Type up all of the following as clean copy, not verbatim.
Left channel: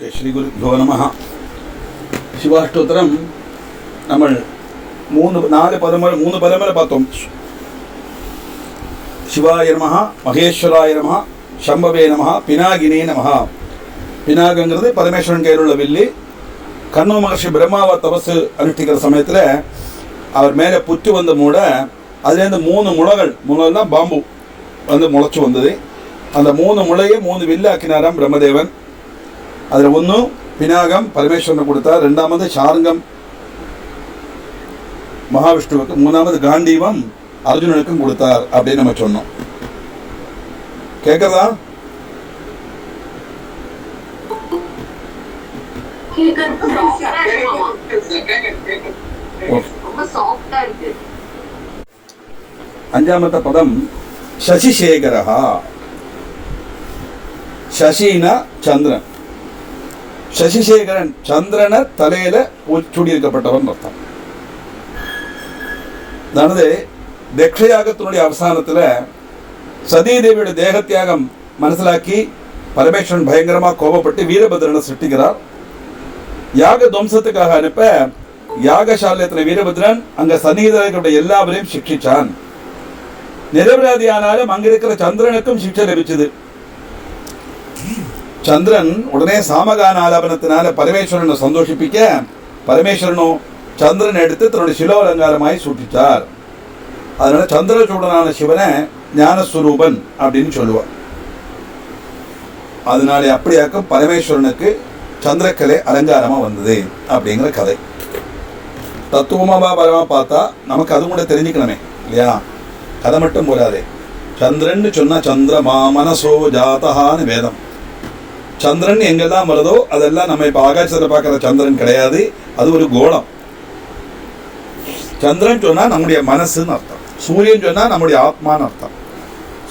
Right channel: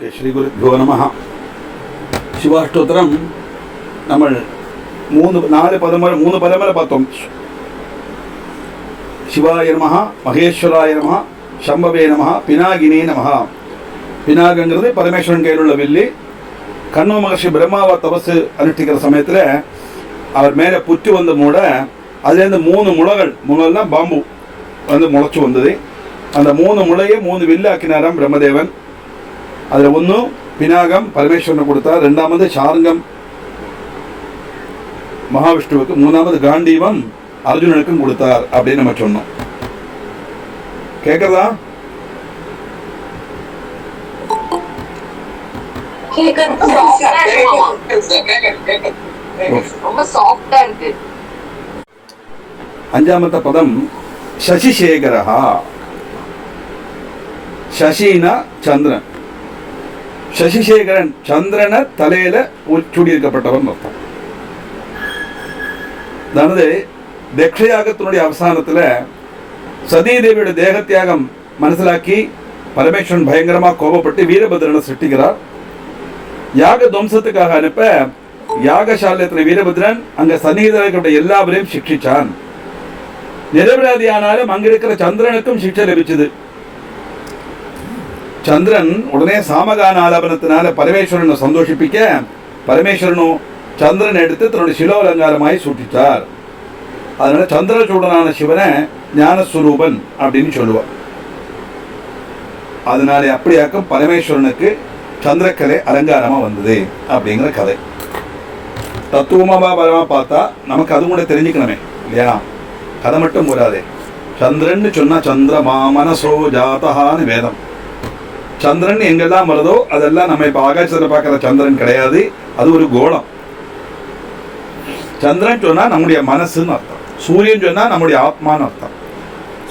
श्री गुरुभ्यो नमः शिवाष्टोत्तरम നമ്മൾ നാല് പദം വരെ பார்த்தோம். ശിവായ നമഃ, മഹേശ്വരായ നമഃ, ശംഭവേ നമഃ, പിനാകിനേ നമഃ. பினாகங்கிறது பரமேஸ்வரன் கையில் உள்ள வில்லி. கண்வ மகர்ஷி பிரம்மாவை தபசு அனுஷ்டிக்கிற சமயத்தில் அவர் மேலே புற்று வந்த மூட அதுலேருந்து 3 முளைகள்னா பாம்பு வந்து முளைச்சி வந்தது. அந்த 3 முளையை 3 வில்லு ஆக்கினாராம் பிரம்மதேவன். அதில் ஒன்று பினாகம் பரமேஸ்வரனுக்கு கொடுத்தார், 2வது சார்ங்கம் மகாவிஷ்ணுவுக்கு, 3வது காண்டீவம் அர்ஜுனனுக்கும் கொடுத்தார் அப்படின்னு நம்ம சொன்னோம். கேட்கறதா? அஞ்சாமத்த பதம் சசிசேகரஹா. சசினா சந்திரன். சசிசேகரன் சந்திரனை தலையில சூடியிருக்கப்பட்டவன் அர்த்தம். அதாவது தக்ஷயாகத்தினுடைய அவசானத்தில் சதீதேவியோட தேக தியாகம் மனசிலாக்கி பரமேஸ்வரன் பயங்கரமாக கோபப்பட்டு வீரபத்ரனை சிருஷ்டிக்கிறார். யாக துவம்சத்துக்காக அனுப்ப யாகசாலயத்தில் வீரபத்ரன் அங்க சன்னிகிதர்களுடைய எல்லாவரையும் சிக்ஷிச்சான். நிரபராதியானாலும் அங்கிருக்கிற சந்திரனுக்கும் சிக்ஷை லபிச்சது. சந்திரன் உடனே சாமகான ஆலாபனத்தினால பரமேஸ்வரனை சந்தோஷிப்பிக்க பரமேஸ்வரனும் சந்திரன் எடுத்து தன்னுடைய சிலோலங்காரமாய் சூட்டிச்சார். அதனால சந்திரசூடனான சிவனை ஞானஸ்வரூபன் அப்படின்னு சொல்லுவார். அதனால அப்படியாக்கும் பரமேஸ்வரனுக்கு சந்திரக்கலை அலங்காரமா வந்தது அப்படிங்கிற கதை. தத்துவமா பரமா பார்த்தா நமக்கு அது கூட தெரிஞ்சுக்கணுமே இல்லையா? கதை மட்டும் போராதே. சந்திரன் சொன்னா சந்திரமா மனசோ ஜாதகான்னு வேதம். சந்திரன் எங்கெல்லாம் வருதோ அதெல்லாம் நம்ம இப்போ ஆகாசத்தில் பார்க்குற சந்திரன் கிடையாது, அது ஒரு கோளம். சந்திரன் சொன்னால் நம்முடைய மனசுன்னு அர்த்தம். சூரியன் சொன்னால் நம்முடைய ஆத்மான்னு அர்த்தம்.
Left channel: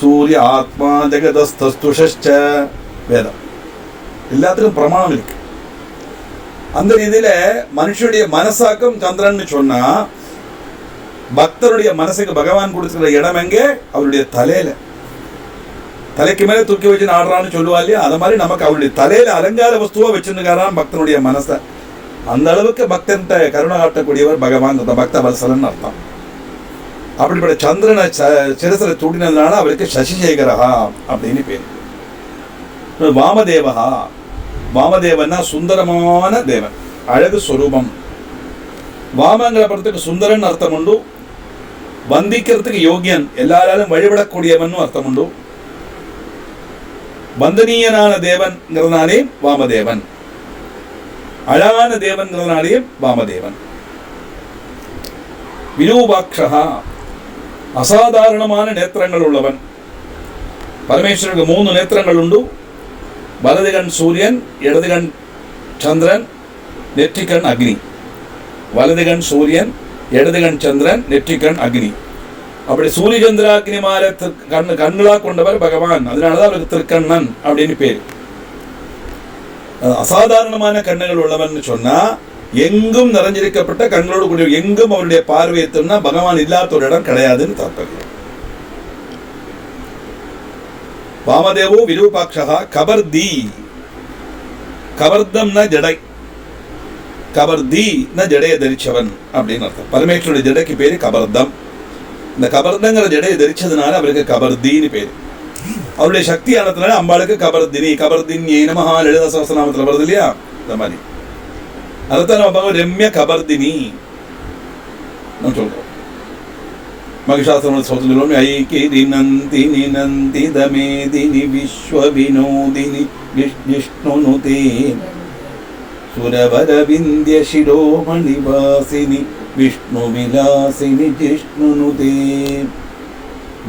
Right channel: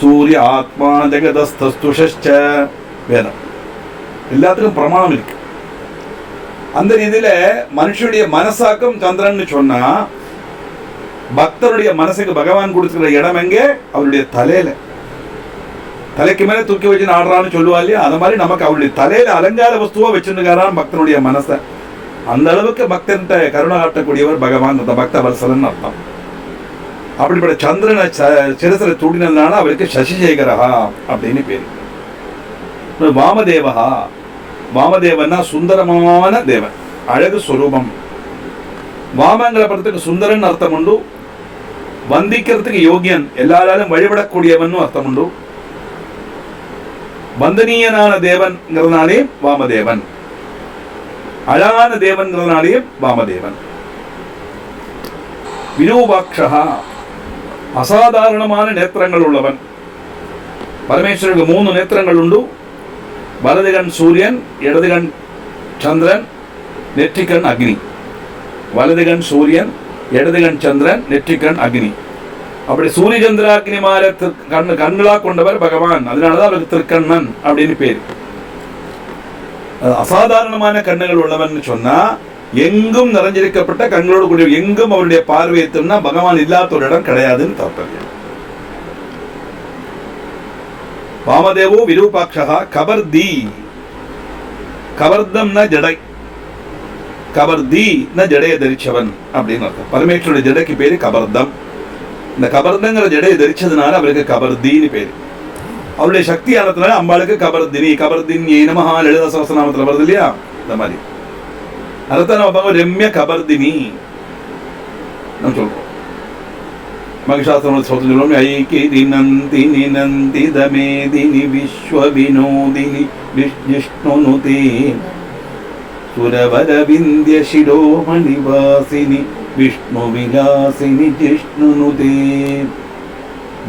சூரிய ஆத்மா ஜெகதஸ்துஷ வேதம் எல்லாத்துக்கும் பிரமாணம் இருக்கு. அந்த ரீதியில் மனுஷனுடைய மனசாக்கும் சந்திரன் சொன்னா பக்தருடைய மனசுக்கு பகவான் கொடுத்துக்கிற இடம் எங்கே? அவருடைய தலையில. தலைக்கு மேலே தூக்கி வச்சு ஆடுறான்னு சொல்லுவா இல்லையா? அது மாதிரி நமக்கு அவருடைய தலையில அலங்கார வஸ்துவா வச்சுருக்காரான் பக்தனுடைய மனசை. அந்த அளவுக்கு பக்தன்கிட்ட கருணை காட்டக்கூடியவர் பகவான், பக்த வல்சலன் அர்த்தம். அப்படிப்பட்ட சந்திரனை சிரசில் தூண்டினதுனால அவருக்கு சசிசேகரஹா அப்படின்னு பேர். வாமதேவஹா. வாமதேவன்னா சுந்தரமான தேவன், அழகு ஸ்வரூபம். வாமங்கிற படத்துக்கு சுந்தரன் அர்த்தம் உண்டு, வந்திக்கிறதுக்கு யோகியன், எல்லாராலும் வழிபடக்கூடியவன் அர்த்தம் உண்டு. வந்தனீயனான தேவன்கிறதுனாலே வாமதேவன், அழகான தேவன்கிறதுனாலே வாமதேவன். விரூபாட்சா, அசாதாரணமான நேத்திரங்கள் உள்ளவன். பரமேஸ்வரனுக்கு 3 நேத்திரங்கள் உண்டு. வலதுகண் சூரியன், இடதுகண் சந்திரன், நெற்றிக்கண் அக்னி. வலதுகண் சூரியன், இடதுகண் சந்திரன், நெற்றிக்கண் அக்னி. அப்படி சூரிய சந்திராக்கினி மாற கண்களா கொண்டவர் பகவான். அதனாலதான் அவருக்கு திருக்கண்ணன் அப்படின்னு பேர். அசாதாரணமான கண்ணுகள் உள்ளவன் சொன்னா எங்கும் நிறைஞ்சிருக்கப்பட்ட கண்களோடு கூடிய, எங்கும் அவருடைய பார்வை எத்தோம்னா பகவான் இல்லாத ஒரு இடம் கிடையாதுன்னு தாற்பயம். வாமதேவோ விரூபாட்சா கபர்தி. கபர்தம்னா ஜடை, கபர்தினா ஜடையை தரிச்சவன் அப்படின்னு அர்த்தம். பரமேஸ்வருடைய ஜடைக்கு பேரு கபர்தம். இந்த கபர்தங்கிற ஜடையை தரிச்சதுனால அவருக்கு கபர்தின்னு பேர். அவருடைய சக்தி ஆனதுனால அம்பாளுக்கு கபர்தினி. கபர்தினி நமஹா லலிதா சஹஸ்ரநாமத்தில் வருது இல்லையா? இந்த மாதிரி அதைத்தான் நம்ம பார்க்க ரம்ய கபர்தினி நம்ம சொல்றோம். மகிஷாசுரன் சொல்லுவோம், ஐகிரி நந்தினி நந்தித மேதினி விஸ்வ வினோதினி விஷ்ணுனுதே சுரவர விந்திய சிரோமணி வாசினி விஷ்ணு விலாசினி ஜிஷ்ணுனுதே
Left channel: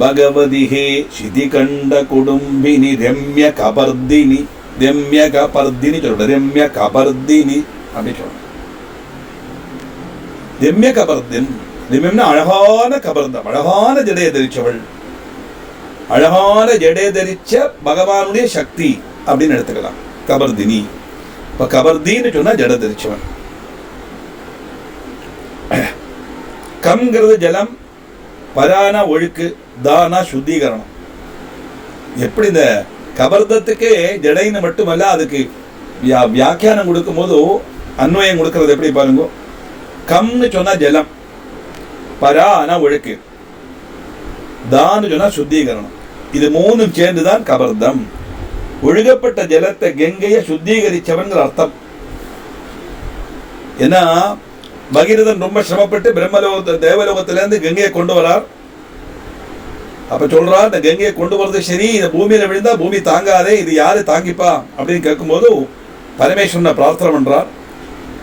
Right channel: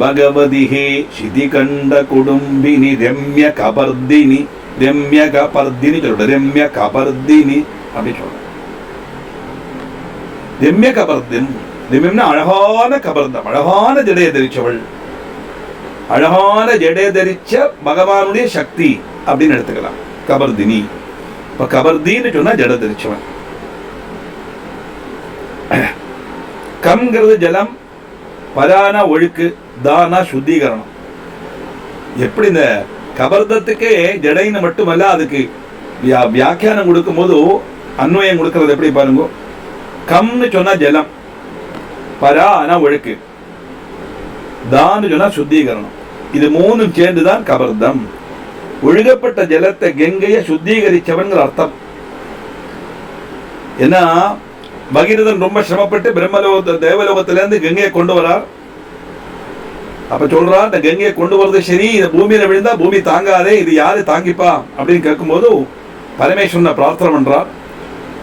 பகவதி ஹே சிதிகண்ட குடும்பினி ரம்ய கபர்தினி. ரம்ய கபர்தினி சொல்ற, ரம்ய கபர்தினி அப்படி சொல்ற. ரம்ய கபர்தின், ரம்யம்னா அழகான கபர்தம், அழகான ஜடையை தரிச்சவள். அழகான ஜடையை தரிச்ச பகவானுடைய சக்தி அப்படின்னு எடுத்துக்கலாம் கபர்தினி. இப்ப கபர்தின்னு சொன்னா ஜடை தரிச்சவன். கம்ங்கிறது ஜலம், பரானா ஒழுக்கு, தானா சுத்திகரணம். எப்படி இந்த கபர்தத்துக்கே ஜடைன்னு மட்டுமல்ல, அதுக்கு வியாக்கியானம் கொடுக்கும்போது அன்வயம் கொடுக்கறது எப்படி பாருங்க. கம்னு சொன்னா ஜலம், பரானா ஒழுக்கு, தான்னு சொன்னா சுத்திகரணம். இது மூணும் சேர்ந்துதான் கபர்தம். ஒழுகப்பட்ட ஜலத்தை கங்கையை சுத்திகரிச்சவன் அர்த்தம். ஏன்னா பகீரதன் ரொம்ப சிரமப்பட்டு தேவலோகத்திலேருந்து கங்கையை கொண்டு வரார். அப்ப சொல்றா, இந்த கங்கையை கொண்டு வர்றது சரி, இந்த பூமியில விழுந்தா பூமி தாங்காதே, இது யாரு தாங்கிப்பா அப்படின்னு கேட்கும்போது பரமேஸ்வரனை பிரார்த்தனை பண்றார்.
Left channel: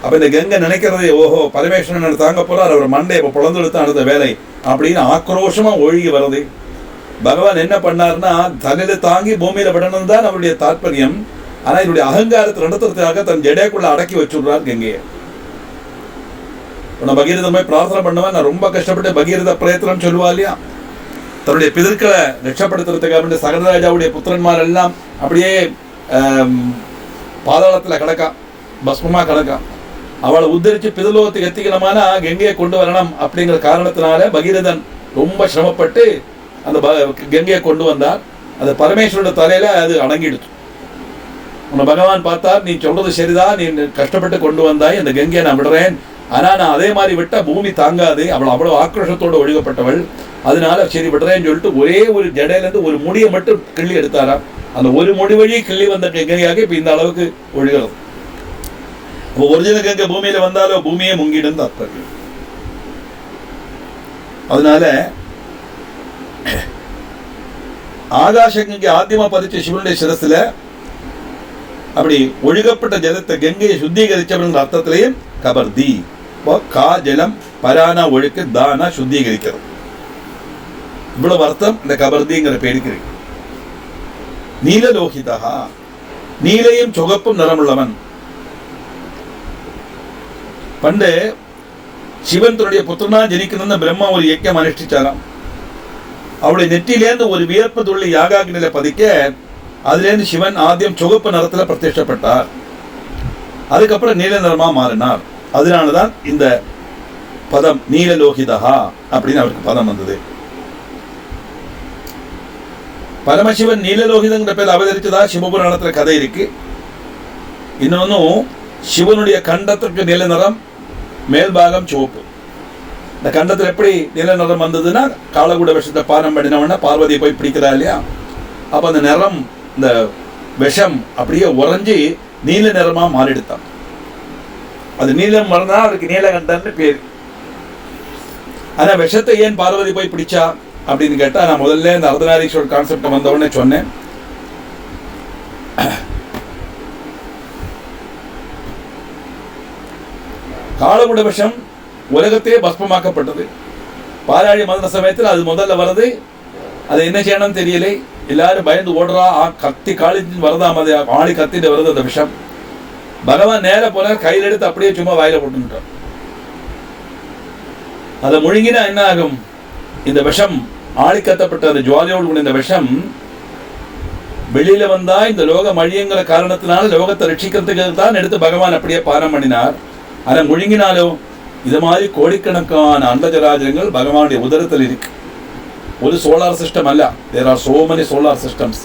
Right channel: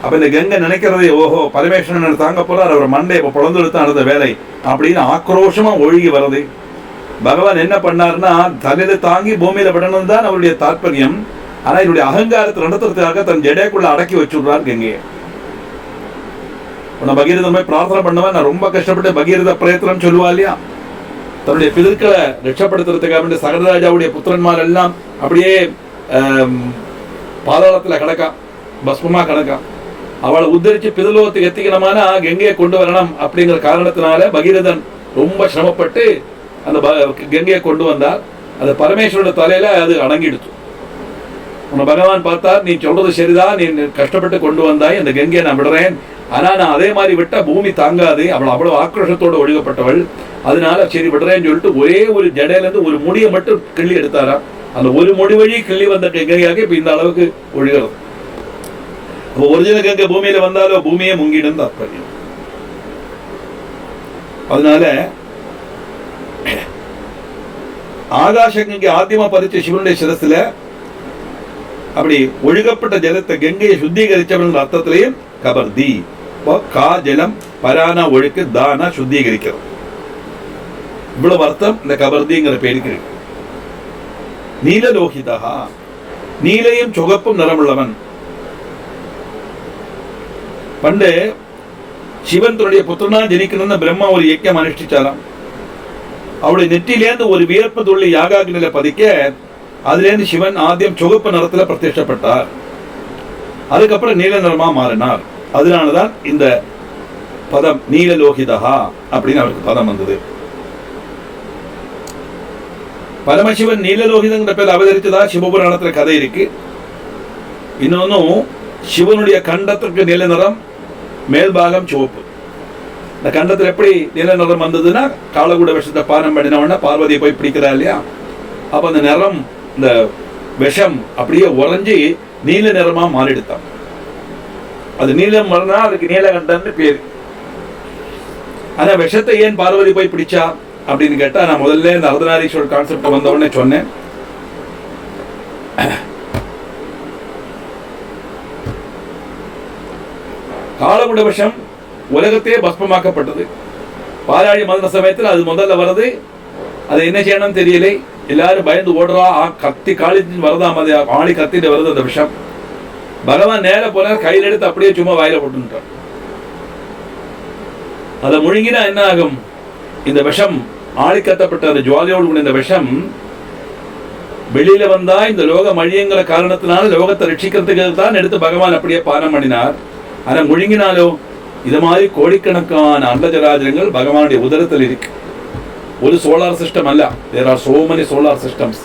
அப்ப இந்த கங்கை நினைக்கிறது, ஓஹோ பரமேஸ்வரன் தாங்க போறார், அவர் மண்டை இப்ப பிளந்து எடுத்து நடந்த வேலை அப்படின்னு ஆக்ரோஷமா ஒழுகி வருது. பகவான் என்ன பண்ணார்னா, தலையில தாங்கி பூமியில விடணும் தான் அவருடைய தாற்பயம். ஆனா என்னுடைய அகங்காரத்தை நடத்துறதுக்காக தன் ஜடைக்குள்ள அடக்கி வச்சுடுறார் கங்கையை. பகீரதன் போய் பிரார்த்தனை பண்ணவன், நான் ரொம்ப கஷ்டப்பட்டு பகீரத பிரயத்தனம் சொல்லுவா இல்லையா, தன்னுடைய பிதற்களை ரட்சப்படுத்துறதுக்காக சகரராஜாவுடைய புத்திரன்மார் எல்லாம் அப்படியே பாதாளத்துல கிடக்கா, பஸ்மமா கிடக்கா. அவளை உத்தரிச்சு பிதலோகத்துக்கு எத்திக்கணுமானா கங்கையை கொண்டு வரணும் அப்படிங்கிற காரணத்தினால பகீரதன் ரொம்ப சிரமப்பட்டு அந்த கங்கையை கொண்டு வந்தார். அந்த பரமேஸ்வரோட தலையில அது அடங்கிடுச்சு. உன்னை பகவான் பார்த்தார், நீ சொல்றது சரிதான், நீ கஷ்டப்பட்டு கொண்டு வந்தாய், அந்த கங்கையை நான் விடுறேன், ஆனா நான் அதே மாதிரி விட்டா பூமி தாங்காது, அவள் அவ்வளவு ஆக்ரோஷத்தோடு ஒழுகப்பட்டவள், அதனால சரி விடுறேன்னு சொல்லிட்டு ஒரே ஒரு ஜடையில இருந்து ஒரு முடியை மட்டும் கிள்ளி எடுத்தாரா. அந்த ஒரு முடி வழி கிள்ளி வந்த கங்கையாக இப்ப இந்த அளவுக்கு ஒழுகிறது. ஒரிஜினல் கங்கை பூமியில வந்தாலோ பூமியே முங்கிடும் தாற்பயம். அதனால ஆகாஷ கங்கை ஆத்தியமா பறிச்ச சிவனுடைய சிரஸ்ல அப்படி ஒழுகப்பட்ட ஜலத்தை கங்கையை சுத்திகரிச்சவன் அர்த்தத்திலேயும் கபர்தி. கா ஜலம், பரானா ஒழுக்கு, தானா சுத்திகரிக்கிறது. இவ்வளவு அர்த்தம் இந்த கபர்திங்கிற பேருக்கு. நீலலோகிதா, நீலையும் சுகப்பும் நிறமுள்ளவன். பண்டு சிவன் தன்னுடைய புத்திரனா ஜனிக்கணும்னு பிரம்மா ஒரு யஜ்ஞம் அனுஷ்டிச்சாராம். அவருடைய நெற்றிலேருந்து ஒரு வியர்ப்பு துள்ளி யாகாக்னில பதிக்க அதுலேருந்து சிவன் ஆദ്യം சுகப்பு நிறத்துல பிரதிஷ்டப்பட்டார். அதுக்கப்புறம் நீல நிறமா மாறினார். அதனாலதான் இந்த பதம் நீலலோகிதா அப்படின்னு அவருக்கு பதம் வந்தது. பரமசிவன் நீலலோகிதங்கிற பேர் அவதரிச்சதா சிவபுராணத்துல கதை இருக்கு. இன்னொன்னும் சிவனுடைய கண்டத்திற்கு நீல நிறம், மேல்பாகம் சிவப்பு. இந்த கண்டத்தில் எப்படி நீல நிறம் வந்ததுன்னா, காலகூட விஷத்தை பானம் பண்ணினவன பார்வதியை போய் பிடிக்கிறா இல்லையா, அப்ப அந்த நிறம், இந்த விஷம் அப்படியே உறைஞ்சி நீல நிறமா மாறிடுத்தான். அது நீலம் வரனா அதுக்கு நீலகண்டன்னு பேரு. ஆனா விஷத்தை ஏன் பார்வதி போய் பிடிச்சா அப்படின்னு கேட்டா, நான் முதல்ல இந்த அர்த்தநாரீஸ்வரர் கான்செப்ட் வந்தவுடனே சொன்னேன். காலகுட விஷம் உலகத்தையே பஸ்பமாக்கப்பட்டது. பாலாழி மந்த சமயத்தில் அது முதல்ல வருது. அதை என்ன செய்யணும்னு தெரியல, எல்லாரும் பயந்து ஓடுறா. கத்தி காலின்னு வரதாம், அது ஆளி கத்திட்டு வருது அந்த விஷம். பகவான் நேர போல கையில் எடுத்து அப்படியே சும்மா வாயில போட்டுட்டார். அதை முழுங்கினா என்ன ஆகும், இந்த விஷம் ஆளி கத்தப்பட்ட அந்த ஜுவாலியோடு இந்த விஷம் வெளியில வந்தா இந்த லோகம் அழியுங்கிற காரணத்தினால லோகத்தை ரட்சிக்கிறதுக்கு தான் எடுத்து பகவான் அப்படியே பானம் பண்ணினார். ஆனா முழுங்கினாலோ இது மாதிரி கோடிக்கணக்கான அண்டஜராஜரங்கள் பகவானுடைய உதரத்தில் இருக்கு. ஒரு சோலார் சிஸ்டம் அல்ல, there are so many solar systems,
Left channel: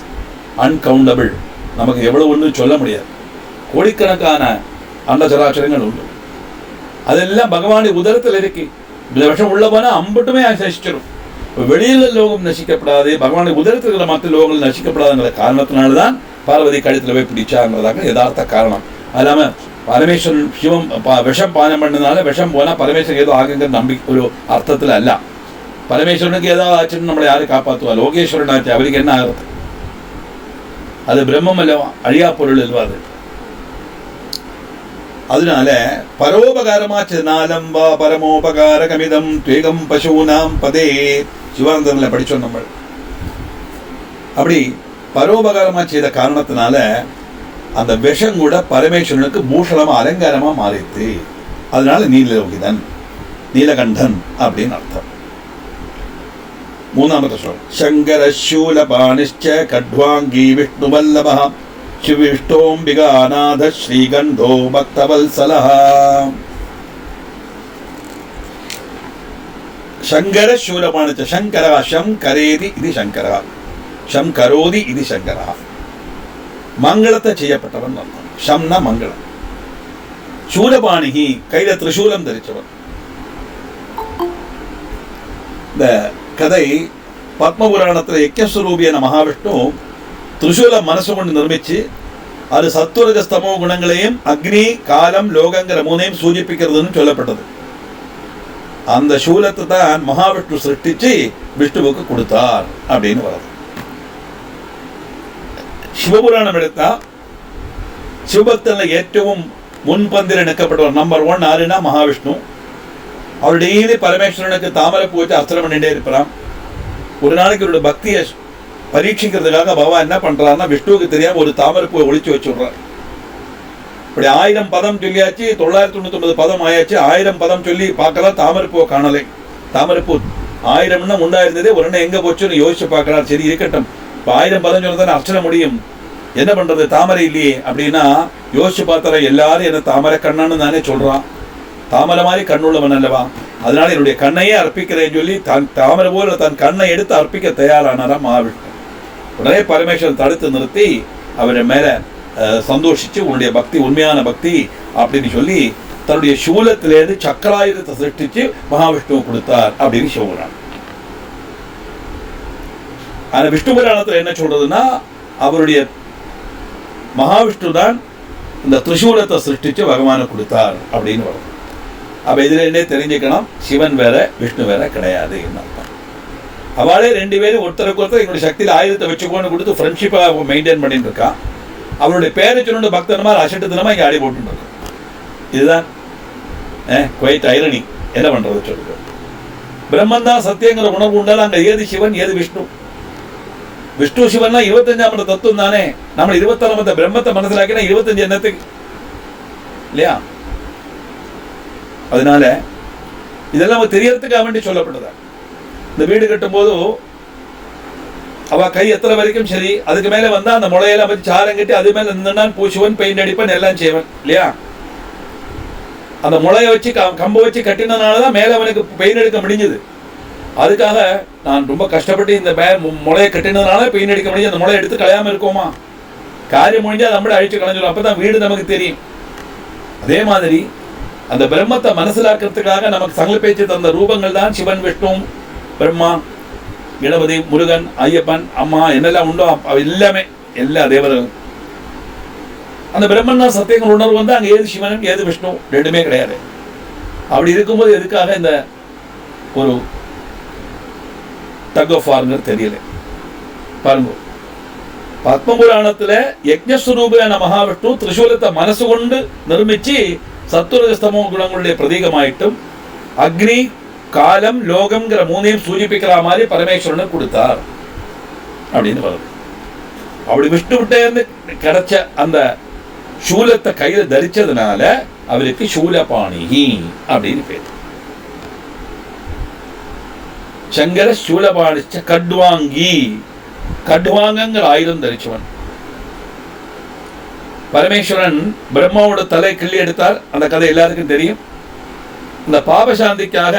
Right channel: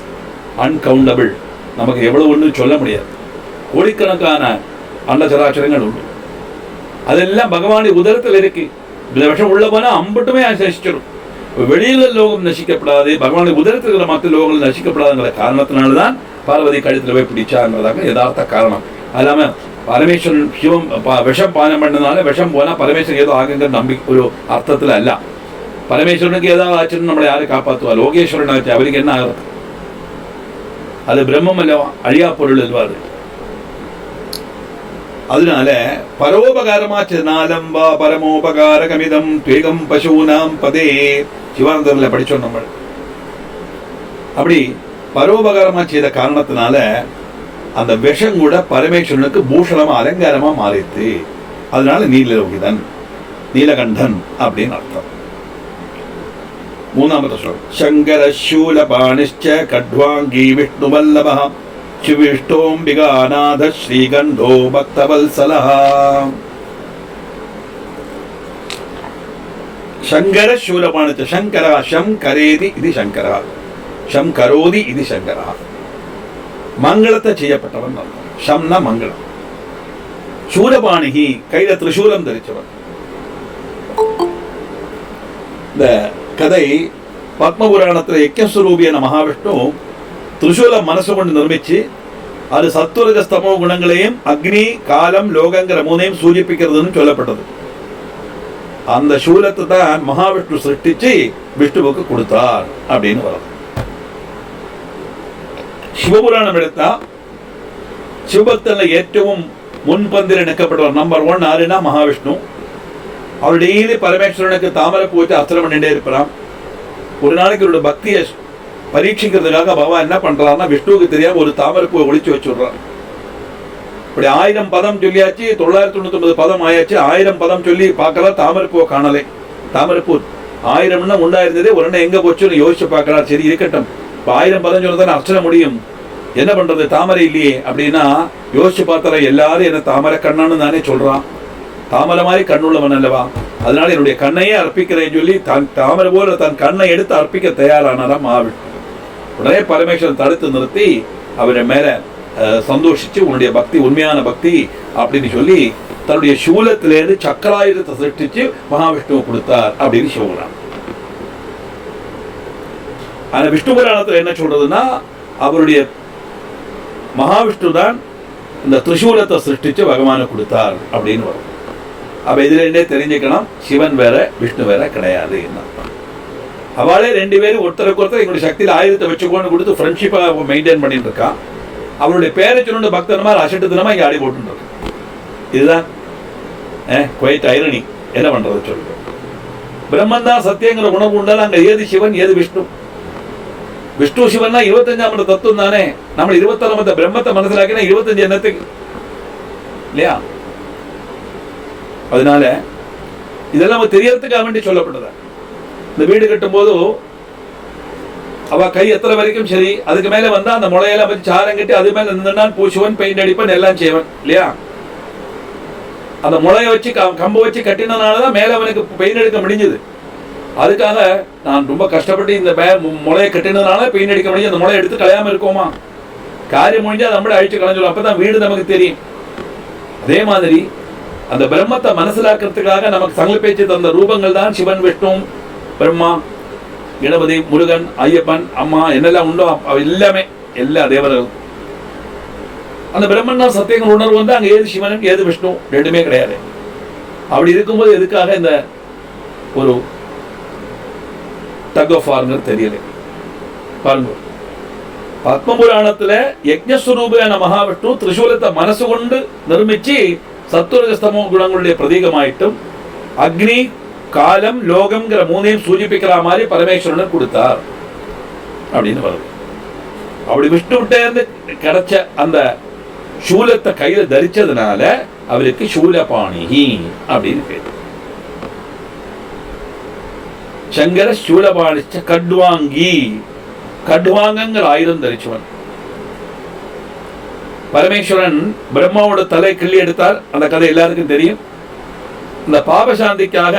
uncountable. நமக்கு எவ்வளவு ஒன்று சொல்ல முடியாது. கோடிக்கணக்கான அண்டஜராச்சரங்கள் உண்டு. அதெல்லாம் பகவானுடைய உதரத்தில் இருக்கு. இந்த விஷம் உள்ள போனா அம்பட்டுமே நசிச்சிடும். வெளியில லோகம் நசிக்கப்படாது, பகவானுடைய உதரத்தில் இருக்கிற மற்ற லோகங்கள் நசிக்கப்படாதுங்கிற காரணத்தினால்தான் பார்வதி கழுத்துல போய் பிடிச்சாங்கிறதாக யதார்த்த காரணம். அல்லாம பரமேஸ்வரன் சிவம் விஷம் பானம் பண்ணதுனால விஷம் போனா பரமேஸ்வரன் ஏதோ ஆகுங்கிற நம்பிக்கை ஒரு அர்த்தத்துல அல்ல. பரமேஸ்வரனுக்கு ஏதாவது ஆச்சுன்னு நம்மளை யாரு காப்பாற்றுவா? லோகேஸ்வரன் ஆச்சு, அவருக்கு என்ன ஆகும்? அது பிரம்மம் அல்லவா, அழியா பொருள் அல்லவா அது. அதனால பரோபகாரமாச்சு நாலம்பா பரமோபகார கமிதம் துவேகம் பசூனாம் பதே சிவானந்தர்ல படிச்சோம் நம்ம. அப்படி பரோபகாரமா செய்த காரணத்தினால அந்த விஷம் கூட பரமேஸ்வரனுக்கு பூஷணமா அலங்காரமா மாறித்து. அதனால நீலலோகிதன், நீலகண்டன் அப்படின்னு அர்த்தம். மூணாவது சொல்றோம், சங்கர சூலபாணிஷ்ச கட்வாங்கி விஷ்ணு வல்லப சிவிஷ்டோம்பிகாநாத ஸ்ரீகண்டோ பக்தவல்சலஹ. சங்கர சூலபாணிச்ச, சங்கரா ஷம் கரேதி இது சங்கரா, ஷம் கரோதி இது சங்கரா. மங்களத்தை செய்யப்பட்டவன் அர்த்தம். ஷம்னா மங்களம். சூலபாணிகி, கையில திரிசூலம் தரிச்சவர். இந்த கதை பத்மபுராணத்தில் யக்ஞஸ்வரூபியான மகாவிஷ்ணு திரிசூலம் மனசு கொண்டு நிர்மிச்சு அது சத்துவரஜ ஸ்தமோ குணங்களையும் அக்னி காலம் லோகங்கிற மூணையும் சூச்சிப்பிக்கிறதுன்னு சொல்லப்பட்டது. அந்த சூலத்தை தான் மகாவிஷ்ணு சிருஷ்டிச்சு விஷ்ணுவுக்கு கொடுத்தார் அப்படின்னு வருது. சிவபுராணம் எடுத்தா சிவபக்தனில் ஏற்றவும் முன்பந்தில் நிற்கப்பட்டவர் நம்பர் 1 ஆறுனா மகாவிஷ்ணு. அவர் டெய்லி பரமேஸ்வரனுக்கு தாமரை பூ வச்சு அர்ச்சனை பண்ணிட்டே இருப்பாராம். ஒரு நாளைக்கு இவரோட பக்தியை பரீட்சிக்கிறதுக்காக பகவான் என்ன பண்றாருன்னா விஷ்ணுவுக்கு தெரியாம ஒரு தாமரை பூவை ஒழிச்சு வச்சுடுறார். இப்படி 1000 பதம் சொல்லியாச்சு, 999 பதம் ஆயாச்சு. 1000 பதம் சொல்லி பார்க்கலாம், தாமரை பூவை காணலை. தாமரை பூ 1000 உண்டாயிருந்ததே, ஒரு எண்ணம் எங்க போச்சுன்னு யோசிச்சு பார்க்கலாம். சரி இருக்கட்டும், இப்போ 1000 பதம் சொன்னதான் அர்ச்சனை முடியும், என்ன பண்றது, தாமரை இல்லையே அப்படின்னா யோசிச்சு பார்த்தார எல்லாரும் என்ன தாமரை கண்ணான்னு தானே சொல்றான். தாமரை மாதிரி கண்ணுள்ளவன் அல்லவா, அதனால என்னுடைய கண்ணையே அர்ப்பிக்கிறேன்னு சொல்லி தான் தாமரை போல தன் கண்ணை எடுத்து அர்ப்பிக்க தயாரானாராம் மகாவிஷ்ணு. உடனே பரமேஸ்வரன் தடுத்து நிறுத்தி அவரை மேல சந்தோஷிச்சு உன்னுடைய பக்தி உண்மையான பக்தி அப்படின்னு சொல்லி தன்னுடைய சூலத்திலேருந்து சக்கராயுதத்தை சிருஷ்டிச்சு மகாவிஷ்ணுவை கொடுத்தார் அப்படின்னு சொல்றான். ஆனா விஷ்ணு புராணத்தில் என்ன சொல்றதுன்னா அவருடைய மகாவிஷ்ணு தான் இந்த திரிசூலத்தை சிருஷ்டிச்சு பகவானை கொடுத்தார் அப்படின்னு வரும். அப்ப இதுல தெரிஞ்சுக்கணும், சிவன் வேற விஷ்ணு வேற கிடையாது. அவளே 2 பேரும் ஒருத்தருக்கு ஒருத்தர் எங்களுடைய சக்தியில் ஆயுதத்தை வச்சுக்கோன்னு கொடுத்து ஃப்ரெண்ட்ஷிப்பா மெயின்டைன் பண்ணிட்டு இருக்கான். அவருடைய பேரை சொன்ன பக்தனமா அசட்டு தினமா இங்கே ஆடி போட்டு இருக்கு. இதுதான் குவைட் ஐரணி. என்ன பண்றது சொல்லுங்க. பிரம்மன் தான் சத்தியங்கிற உணர்வு உண்டாலும் அங்க ஏது சிவன் ஏது விஷ்ணு. விஷ்ணு சிவன்னா 25ஆம் தத்துவம் தானே. நம்ம 26ஆம் பிரம்மத்தை மனசிலாக்கினா 25 எண்ணத்துக்கு இல்லையா? அதனால இதெல்லாம் தெரியறதுக்காக வேண்டி சொல்லப்பட்டதா. இந்த வீடு கட்டும் போது அவ கை எத்தனை வரைக்கும் சரி, அதுக்கு மேல வந்தா அந்த முளையெல்லாம் வச்சு சாரம் கட்டி அது மேல நின்றுனான் பூசுவன் பெயிண்ட் அடிப்பன் எல்லாம் செய்வன் இல்லையா? அந்த முளைய வச்சு கம்பை வச்சு கட்டினதுனாலதான் மேல அவனுக்கு பெயிண்ட் அடிக்க முடிஞ்சது. அதுக்காக நான் ரொம்ப கஷ்டப்பட்டு இந்த முளையை கட்டினதுனால பெயிண்ட் அடிக்க முடிஞ்சு. அந்த முளையை எடுத்து கலையாம இருக்கோமா? காரியம் முடிஞ்சா நம்மளே அழிச்சு கலைஞ்சிடும். அப்பதான் வீடு நமக்கு தெரியும். அதே மாதிரி அந்த பிரம்மத்தை மனசிலாக்கிறதுக்காக நமக்கு சங்கல்பிச்சு தந்த ரூபங்கள் தான் சிவன் விஷ்ணு பிரம்மா கணபதி முருகன் ஐயப்பன் அம்மா என்னெல்லாம் உண்டோ எல்லாமே எல்லா தேவர்களும். அந்த பிரம்மன் தான் சத்தியங்கள் உணர்வு வந்து அங்கே ஏது சிவனும் ஏது விஷ்ணு ரெண்டுமே கிடையாது. அப்படி இருக்கும்போது எதுக்காக இந்த ஒரு டக் ஆஃப் வார்ங்கிறது தெரியல. பாருங்க, பத்மபுராணத்துல யக்ஞஸ்வரூபியான மகாவிஷ்ணு திரிசூலத்தை மனசு கொண்டு நிர்மிச்சு சத்துவரஜஸ்தமோ குணங்களுடைய பிரதீகமாயிட்டும் அக்னி காலம் லோகம்ங்கிற மூணையும் சூச்சிப்பிக்கிற மாதிரி பரமேஸ்வரனுக்கு கொடுத்தார் அப்படின்னு வருது. அப்படி விஷ்ணுவிட்ட கிடைச்ச அந்த சூலத்தை கையில தரிச்சதுனால அவருக்கு சூலபாணிகி அப்படின்னு பேர். சங்கர சூலபாணிச்ச கட்வாங்கி, கட்வாங்கங்கிற ஆயுதம் தரிச்சவன். பரமேஸ்வரன் பிரம்மாவோட தலை கிள்ளி எடுத்தார். அந்த கதை எல்லாருக்கும் தெரியும். இந்த பாபசாந்திக்காக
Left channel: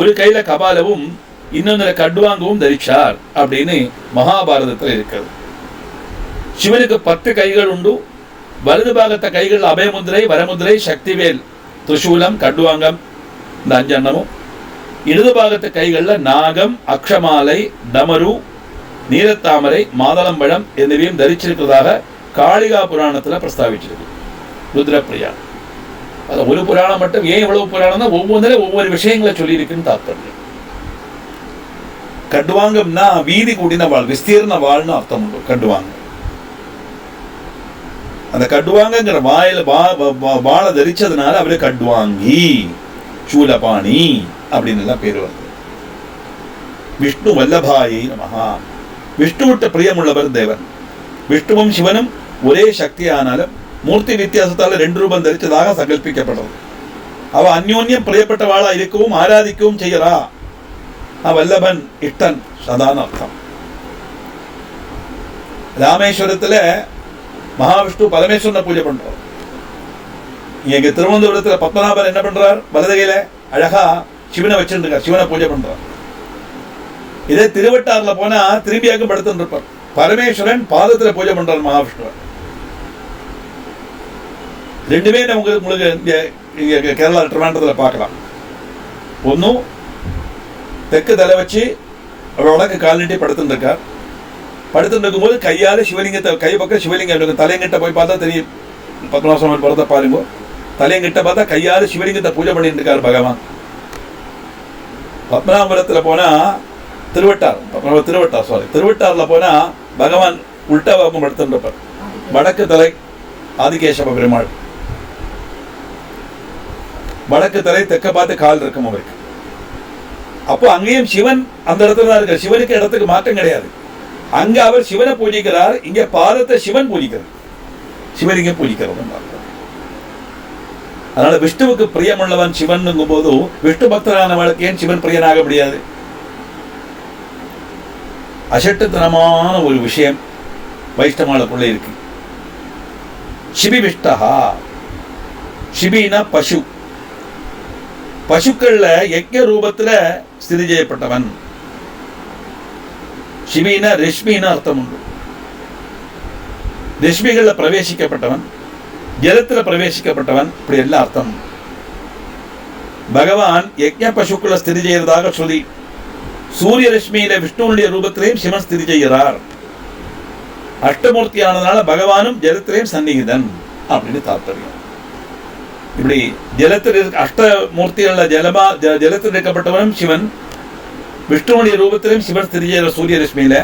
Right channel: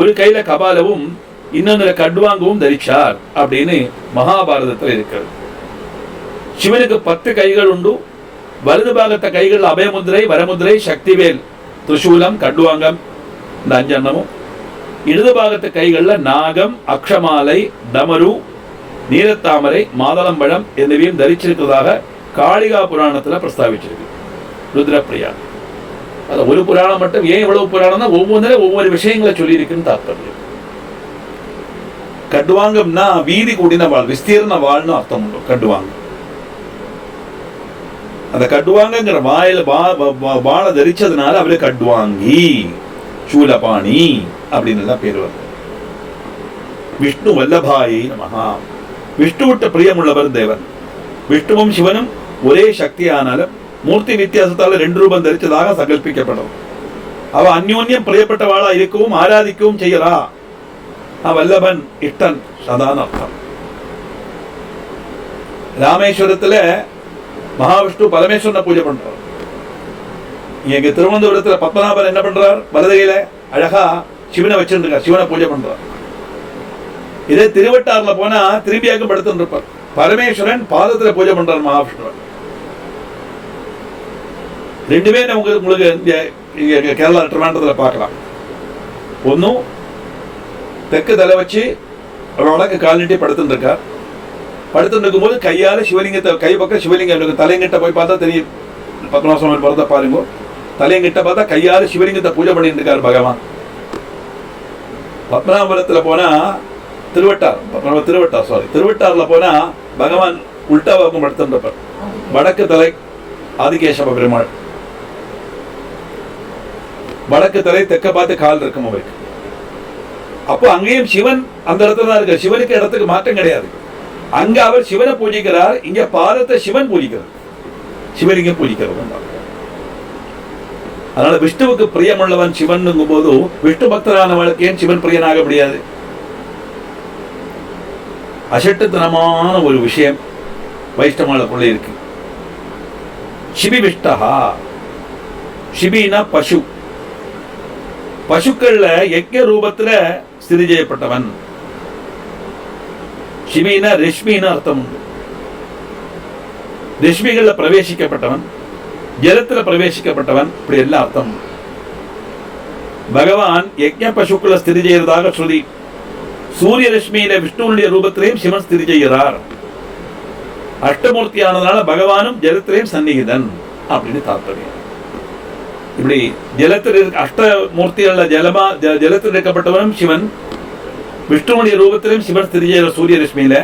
ஒரு கையில கபாலவும் இன்னொன்னு கட்வாங்கவும் தரிச்சார் அப்படின்னு மகாபாரதத்தில் இருக்கிறது. சிவனுக்கு 10 கைகள் உண்டு. வலது பாகத்த கைகள் அபயமுதிரை வரமுதிரை சக்திவேல் திரிசூலம் கட்வாங்கம் இந்த 5 அன்னமும். இடது பாகத்த கைகள்ல நாகம் அக்ஷமாலை டமரு நீலத்தாமரை மாதளம்பழம் என்பவையும் தரிச்சிருக்கிறதாக காளிகா புராணத்துல பிரஸ்தாபிச்சிருக்கு. ருத்ரப்பிரியா அது ஒரு புராணம் மட்டும். ஏன் இவ்வளவு புராணம் தான் ஒவ்வொன்றும் ஒவ்வொரு விஷயங்களை சொல்லியிருக்குன்னு தாக்கணும். கட்வாங்கம்னா வீதி கூடின வாழ், விஸ்தீர்ண வாழ்னு அர்த்தம். கட்வாங்கம் அந்த கட்வாங்கிற வாயில வாழை தரிச்சதுனால அவரு கட்வாங்கி சூலபாணி அப்படின்னு எல்லாம் பேர் வருது. விஷ்ணு வல்லபாயை நமஹா. விஷ்ணு விட்ட பிரியமுள்ளவர் தேவன். விஷ்ணுவும் சிவனும் ஒரே சக்தி ஆனாலும் மூர்த்தி வித்தியாசத்தால் 2 ரூபம் தரிச்சதாக சங்கல்பிக்கப்படும். அவ அந்யோன்யம் பிரியப்பட்டவாளா இருக்கவும் ஆராதிக்கவும் செய்யறா. வல்லபன் இஷ்டன் சதான அர்த்தம். ராமேஸ்வரத்துல மகாவிஷ்ணு பரமேஸ்வரனை பூஜை பண்றார். இங்க திருவனந்தபுரத்துல பத்மநாபன் என்ன பண்றார்? வலதுகையில அழகா சிவனை வச்சிருக்கார், சிவனை பூஜை பண்றார். இதே திருவட்டாறுல போனா திரும்பியாக்கும் படுத்துட்டு இருப்பார். பரமேஸ்வரன் பாதத்துல பூஜை பண்றார் மகாவிஷ்ணு. ரெண்டுமே நமக்கு உங்களுக்கு இங்கே கேரளா ட்ரிவாண்டத்தில் பார்க்கலாம். ஒன்றும் தெற்கு தலை வச்சு வடக்கு கால் நீட்டி படுத்துட்டு இருக்கார். படுத்துட்டு இருக்கும்போது கையால் சிவலிங்கத்தை கை பக்கம் சிவலிங்கம் தலையங்கிட்ட போய் பார்த்தா தெரியும். பத்மநாபசுவாமி படத்தை பாருங்க, தலையங்கிட்ட பார்த்தா கையால் சிவலிங்கத்தை பூஜை பண்ணிட்டு இருக்கார் பகவான். பத்மநாபபுரத்தில் போனால் திருவட்டாரில் போனால் பகவான் உல்டா பக்கம் படுத்துருப்பார். வடக்கு தலை ஆதிகேசவ பெருமாள், வடக்கு தலை தெற்க பார்த்து கால் இருக்கும் அவருக்கு. அப்போ அங்கேயும் சிவன் அந்த இடத்துல தான் இருக்கார். சிவனுக்கு இடத்துக்கு மாற்றம் கிடையாது. அங்க அவர் சிவனை பூஜிக்கிறார், இங்க பாதத்தை சிவன் பூஜிக்கிறார், சிவலிங்கம் பூஜிக்கிறார். அதனால விஷ்ணுவுக்கு பிரியமுள்ளவன் சிவன் போது விஷ்ணு பக்தரானவளுக்கு ஏன் சிவன் பிரியனாக முடியாது? அசட்டுத்தனமான ஒரு விஷயம் வைஷ்ணவாளுக்குள்ள இருக்கு. சிபி விஷ்டஹா, சிபினா பசு, பசுக்கள்ல யஜ்ஞ ரூபத்துல ஸ்திதி செய்யப்பட்டவன். சிபினா ரஷ்மின்னு அர்த்தம் உண்டு. ரஷ்மிகள்ல பிரவேசிக்கப்பட்டவன், ஜலத்துல பிரவேசிக்கப்பட்டவன், இப்படி எல்லாம் அர்த்தம். பகவான் யஜ்ஞ பசுக்களை ஸ்திதி செய்யறதாக சொல்லி சூரிய ரஷ்மியில விஷ்ணுடைய ரூபத்திலையும் சிவன் ஸ்திதி செய்கிறார். அஷ்டமூர்த்தியானதுனால பகவானும் ஜலத்திலையும் சந்நிகிதன் அப்படின்னு தாற்பயம். இப்படி ஜலத்தில் அஷ்டமூர்த்திகள் ஜலத்தில் இருக்கப்பட்டவனும் சிவன், விஷ்ணுடைய ரூபத்திலும் சிவன் ஸ்திதி செய்கிற சூரிய ரஷ்மியில,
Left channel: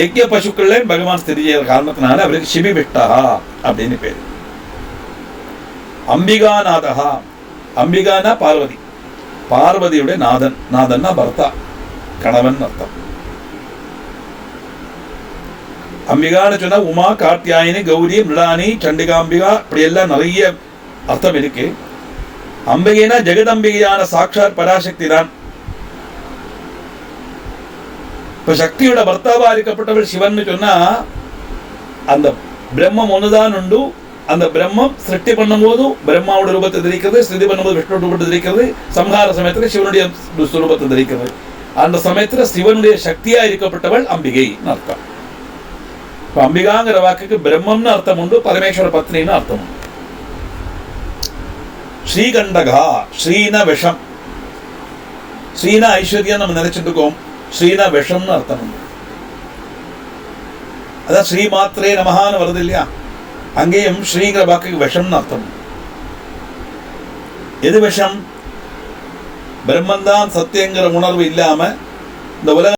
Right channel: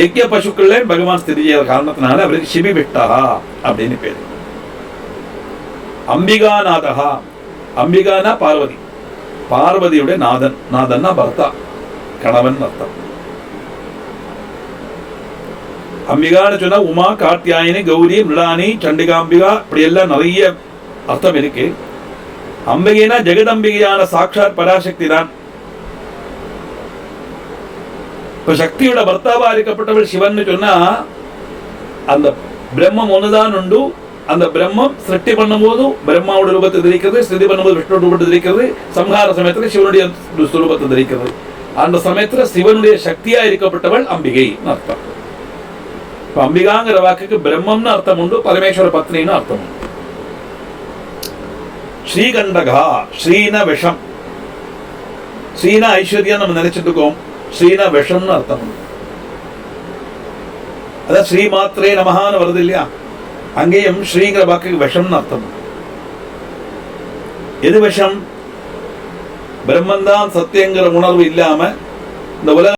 யஜ்ஞ பசுக்கள்ல பகவான் ஸ்திதி செய்கிற காரணத்தினால அவருக்கு சிவி விஷ்டஹா அப்படின்னு பேர். அம்பிகாநாதஹா, அம்பிகானா பார்வதி, பார்வதியுடைய நாதன், நாதன்னா பர்த்தா, கணவன் அர்த்தம். அம்பிகான்னு சொன்னா உமா, கார்த்தியாயினி, கௌரி, மிருடானி, சண்டிகாம்பிகா, இப்படி எல்லாம் நிறைய அர்த்தம் இருக்கு. அம்பிகைனா ஜெகதம்பிகையான சாட்சாத் பராசக்தி தான். இப்ப சக்தியோட பர்த்தாவா இருக்கப்பட்டவள் சிவன் சொன்னா அந்த பிரம்மம் ஒண்ணுதான் உண்டு. அந்த பிரம்மம் சிருஷ்டி பண்ணும் போது பிரம்மாவோட ரூபத்தை தெரிக்கிறது, ஸ்ருதி பண்ணும்போது விஷ்ணு ரூபத்தை தெரிக்கிறது, சம்ஹார சமயத்தில் சிவனுடைய சுரூபத்தை தெரிக்கிறது. அந்த சமயத்துல சிவனுடைய சக்தியா இருக்கப்பட்டவள் அம்பிகை அர்த்தம். இப்ப அம்பிகாங்கிற வாக்குக்கு பிரம்மம்னு அர்த்தம் உண்டு, பரமேஸ்வர பத்னின்னு அர்த்தம் உண்டு. ஸ்ரீகண்டகா, ஸ்ரீன விஷம், ஸ்ரீனா ஐஸ்வர்யம் நம்ம நினைச்சிட்டு இருக்கோம், ஸ்ரீனா விஷம்னு அர்த்தம் உண்டு. அதான் ஸ்ரீ மாத்திரே நமஹான்னு வருது இல்லையா, அங்கேயும் ஸ்ரீங்கிற வாக்குக்கு விஷம்னு அர்த்தம். எது விஷம்? பிரம்மந்தான் சத்தியங்கிற உணர்வு இல்லாம இந்த உலக